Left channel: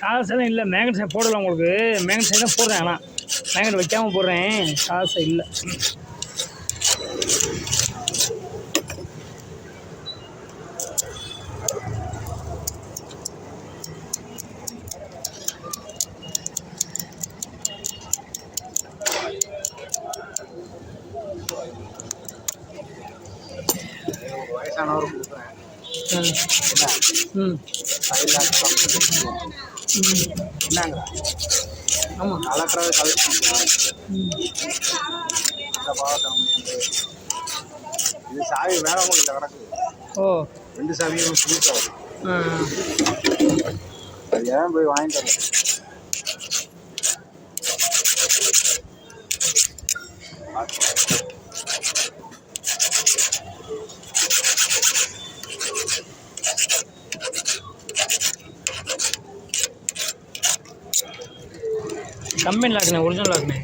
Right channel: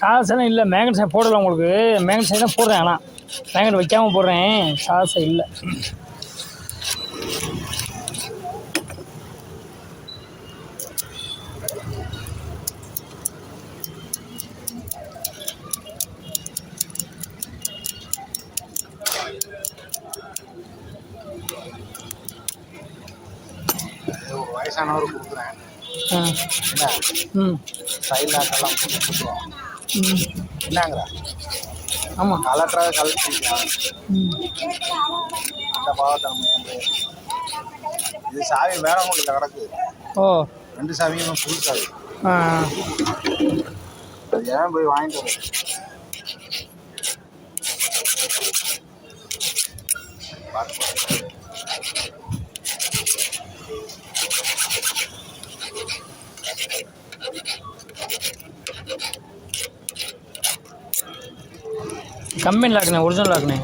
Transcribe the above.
சாதம் இல்லை, மேங்கன் சாய் போடலை உங்களுக்கு. மேங்கன் சாய் தான் போடுறேன், ஆனால் மேங்கன் வைக்காமல் போடுறேன், சாதம் இல்லை. வயசானவர் கொடுக்குறேன். என்னங்க ஆமாம், கலெக்டராக கலெக்ட் இது சாவி வேணாமல் கிடக்குது. ஓ, 2 சாவியும் புது சாவி. ஏன் போய் வாங்கிட்டு வரேன். கம்பெனி லாக்குண்ணே, ஒரிஜினல் லாக்குண்ணே.